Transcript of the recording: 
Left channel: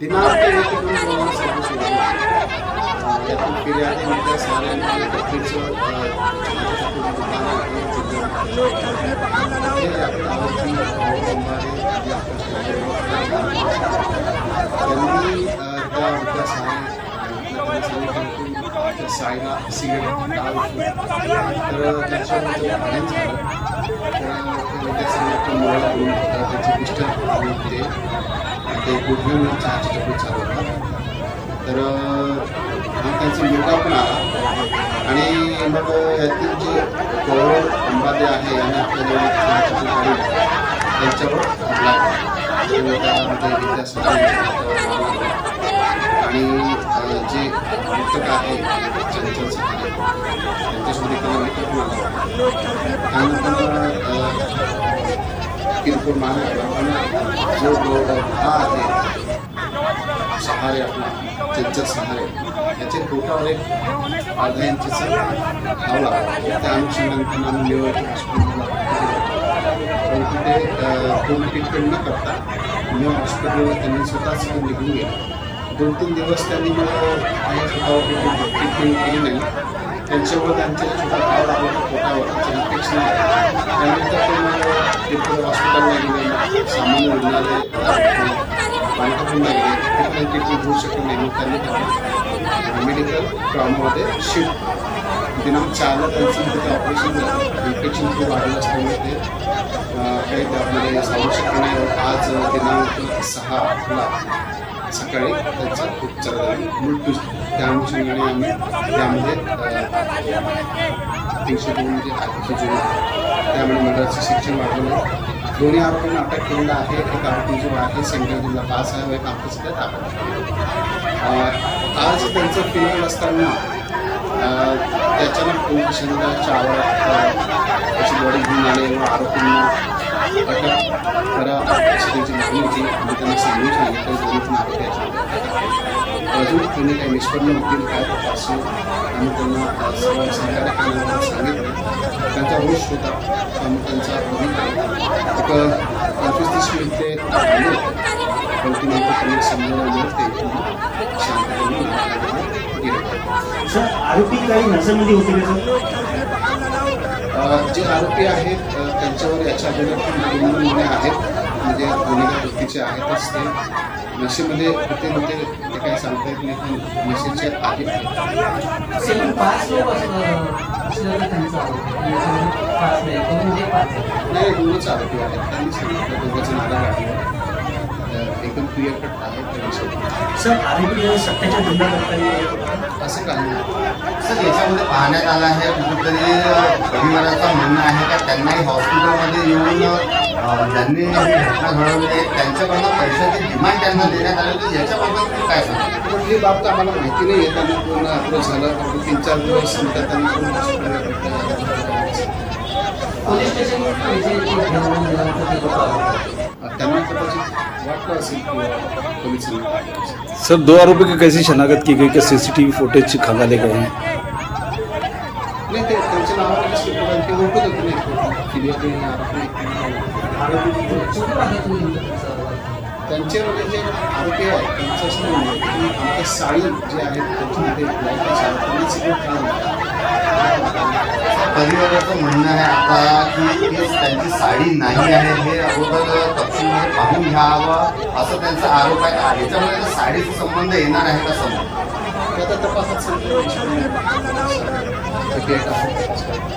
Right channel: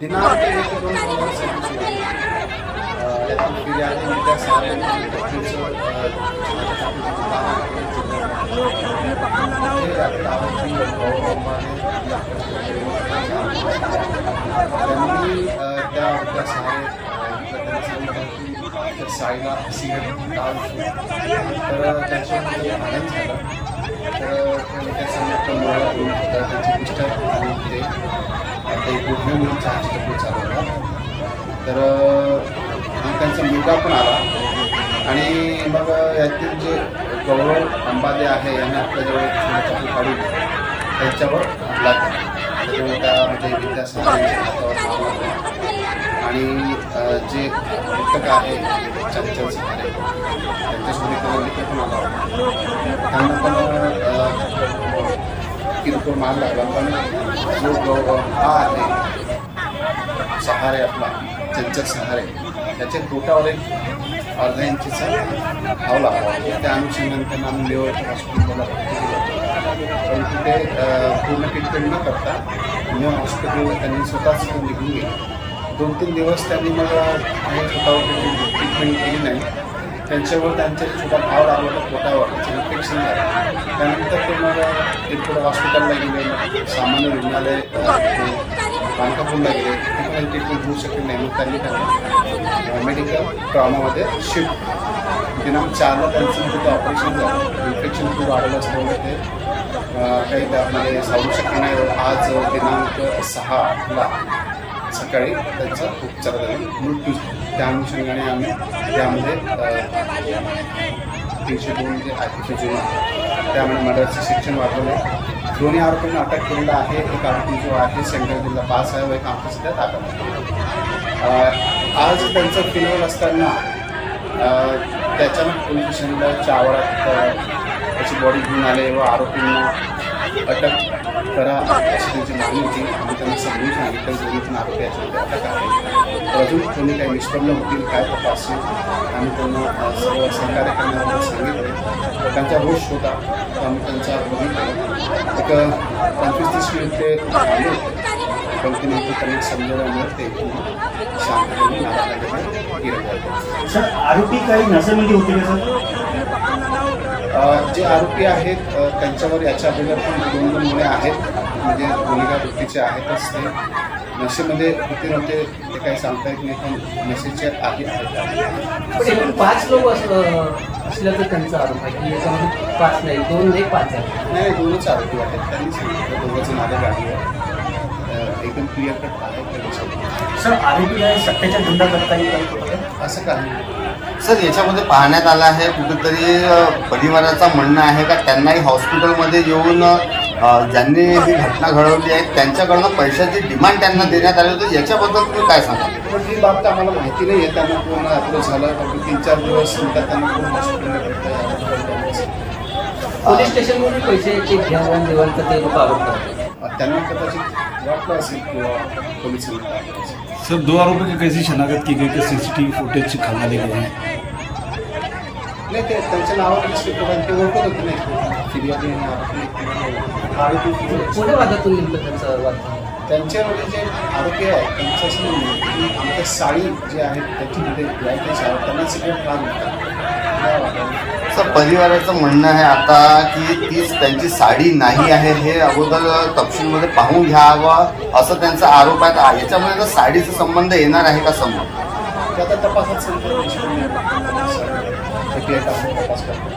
दिनांक 1-2 यातून फिर्यादीमध्ये साऱ्यांना नक्कीच त्यांनी त्या शाळेला सिगरेट तर त्याच्यामध्ये भांडण झालं तर त्याचे मिस्टर ते एक गुडघे चहाची टपरी चालवला तर त्यांचा मुलगा पण आला आणि मग यातील जे गौरव अंबादे आहे याने आपल्याजवळ एक चपू काढून त्यांच्यावर हल्ला केला. त्याच्यामुळे त्यामध्ये विद्यासागर आणि जे मृतक आहे चंचल सहारे त्यांच्यासोबत एखादा मित्र पण आला त्यांना पण किरकोळ मार लागला. पण जो हा आहे सहारे आपला चंचल सहारे त्याच्या पोटावर एक अर्धा इंचीचा घाव लागला. त्या अनुषंगाने आम्ही लेवलच्या हॉस्पिटलला पण तिथे पूर्ण ट्रीटमेंट न करता न्यू हॉस्पिटलला त्यांनी स्वतःच निघून गेले. 2-3 दिवस त्यांनी मग स्वतःवर ट्रीटमेंट केली नाही. त्यांच्यामुळे त्यांच्या छोटा घाव लागला तर पोटावर त्याचं इन्फेक्शन झालं. त्यानंतर ते मग इकडं हॉस्पिटलला गेले. मग सामान्य रुग्णालय बांधकापूरला गेले. तिथे पण काही ट्रीटमेंट होऊ शकत नाही. मग त्यांनी त्यांना मेडिकल ट्रॉमामध्ये शिफ्ट दिनांक 4ला त्यांचं तिथे ऑपरेशन झालं. इन्फेक्शन खूप वाढलं असल्यामुळे ते काही त्यामध्ये सांगू शकत नाही. आज दिनांक 6ला सकाळी त्यांचा उपचार झाला. मृत्यू त्या अनुषंगाने आम्ही त्यामध्ये 302 जे आहे जुना त्यामध्ये मर्डरचं शिक्षण वाढवलं. दोन्ही आरोपींना अटक केलेला आहे. एक आरोपी जो आहे सेंट्रल जिल्हा पास आहे व एक आमच्या सध्या ताब्यात आहे. आज त्यांचं फिरवत असताना त्याच्यानं पोलीस स्टेशनच्या आवारात त्याची बॉडी घेऊन आले व आरोपींना अटक करा अशी त्यांची मागणी होती. आम्ही त्यांना समजून सांगितलं दोन्ही पण आरोपी याच्यामध्ये अटक आहे. अजून कोणी काही निष्पन्न होतील काय तपास आम्ही त्यांना सर्व सहकार्य करण्याबद्दल सांगितलं. त्यांचा होश होता आम्ही त्यांचा बघितलं एक 25-30 मिनिट ते आले पण ती नंतर त्यांनी समजल्यामुळे ते शांतपणे गेले. आरोपी काही नशेमध्ये होते जे आरोपी आहेत त्यांच्यावर याच्या अगोदर पण 2 गुन्हे आहेत. म्हणजे गुन्हेगार वृत्तीचे आहेतच. ते नशेमध्ये होते नव्हते ते काही सांगता येत नाही. पण नशेचे आधी आहेत. नाही 2च आरोपी आहेत. त्यांनी सांगितलं 2 जण आले गाडीवर. एकदम क्लिअर कट आहे त्या विषयी. सर आरोपी सत्याच्या गुन्हा करताना असं काही सर याच्यामध्ये पाहण्यात आलं आहे कुठेतरी परिवाराचं म्हणणं आहे का त्यांनाही हॉस्पिटलमध्ये येऊन ज्यांनी ही घटना घडवली आहे त्यांच्याकडनं पैशाची डिमांड त्यांना देण्यात आली होती. याच्याबद्दल तुम्ही काय सांगा? ही बाब तर आम्हाला माहिती नाही आहे. त्यांना पूर्ण अप्रोच झालं कारण 3-4 दिवस नंतर त्यांना पूर्ण हॉस्पिटलला भेटलं. पोलीस स्टेशनवरून त्यांना कदाचित वाटलं असेल किंवा पोलिसांना. सर 2 आरोपियों की कैसी शनाख्त की गई कि सीसीटीवी फुटेज से खंगाले गए हैं? नाही ते त्यांच्या नावाने ते ओळखत होते नाही फिर्यादी त्यांच्यामध्ये जे आरोपी आहेत त्यांच्या साडी जे आहेत त्याच्यामध्ये यायच्या त्यांना सिगरेट त्रास होता. सर परिवाराचं म्हणणं आहे आता की ती त्यांची साडी नाही आहे हे अगोदर तपशीलमध्ये पाहून घ्यावं असं त्यांचा आरोप आहे. याच्यामध्ये साडीचा संबंध येणार आहे का समोर? ते आता तपासात समजा तपास करतो.